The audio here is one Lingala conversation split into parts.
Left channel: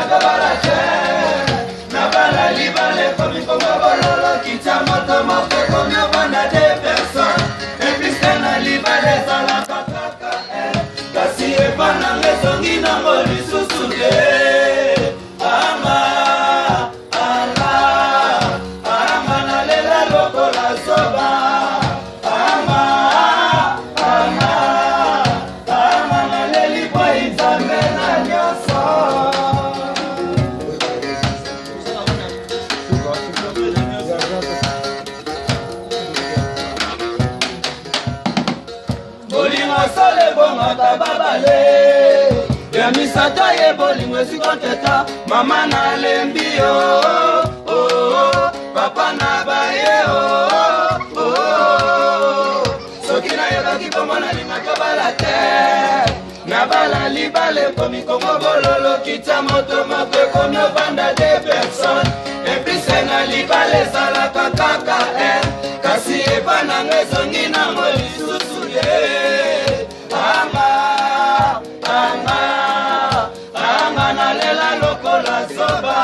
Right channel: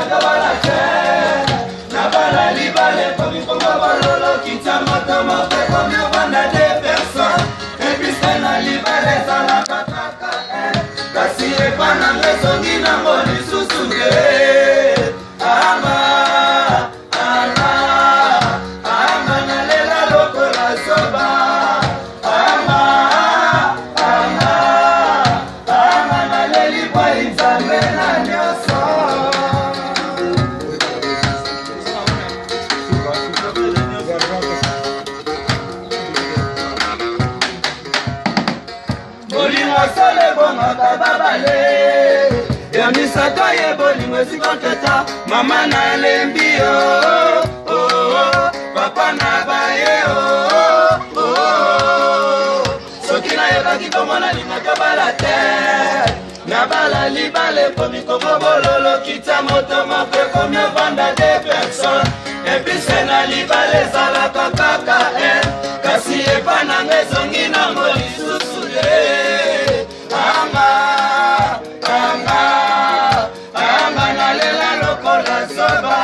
nakabala te nabala libale komi kongo bololo kita moto mope komi obanda de personne episte na libale ezalaka kaka kasi epana ngesongi nango lisusu te anga nalela lokola soba naleli bwa nzambe na nyonso bolingo sole bongaka babale ya misato ye bolingo esikoteta mama nalembi papa na baye soki nayebaki komona lingaka bala te nabala libale komi kongo bololo kita moto moko ekomi obanda de personne epise na libale ezalaka kaka kasi epa nanga ezongi nango lisusu te anga nalela lokola soba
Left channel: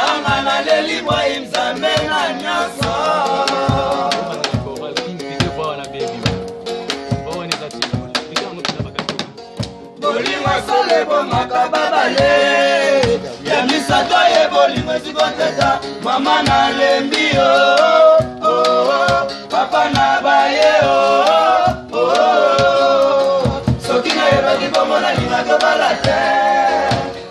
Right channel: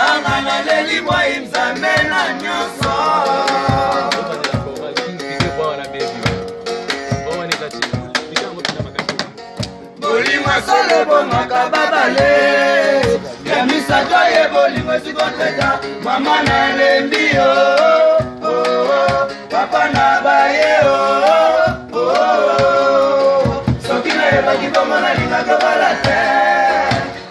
anga naleli bwa nzambe na nyonso bolingo solo bomaka babale ya misato ye bolingo esikoteta mama nalembi papa na baye soki nayebaki komona lingaka bala te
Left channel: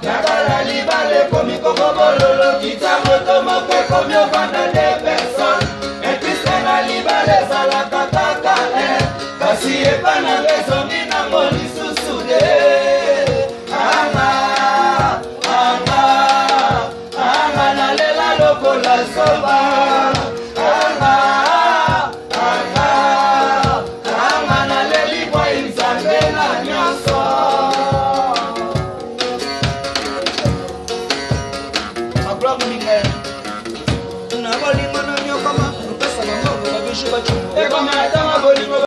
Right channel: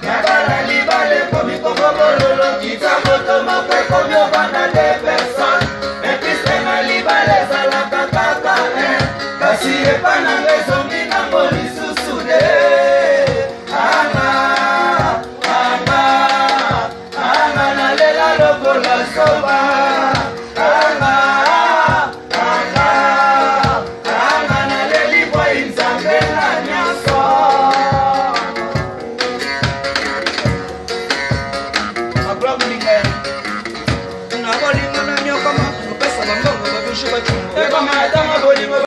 nakala libale komi kongo bololo kita moto moko ekomi obanda de personne episte na libale ezalaka kaka kasi epa nanga ezongi nango lisusu te anga nalela lokola soba anga naleli bwa nzambe na nyonso abramulinga na bolingo na nyokama opesa mambongo babishu bacu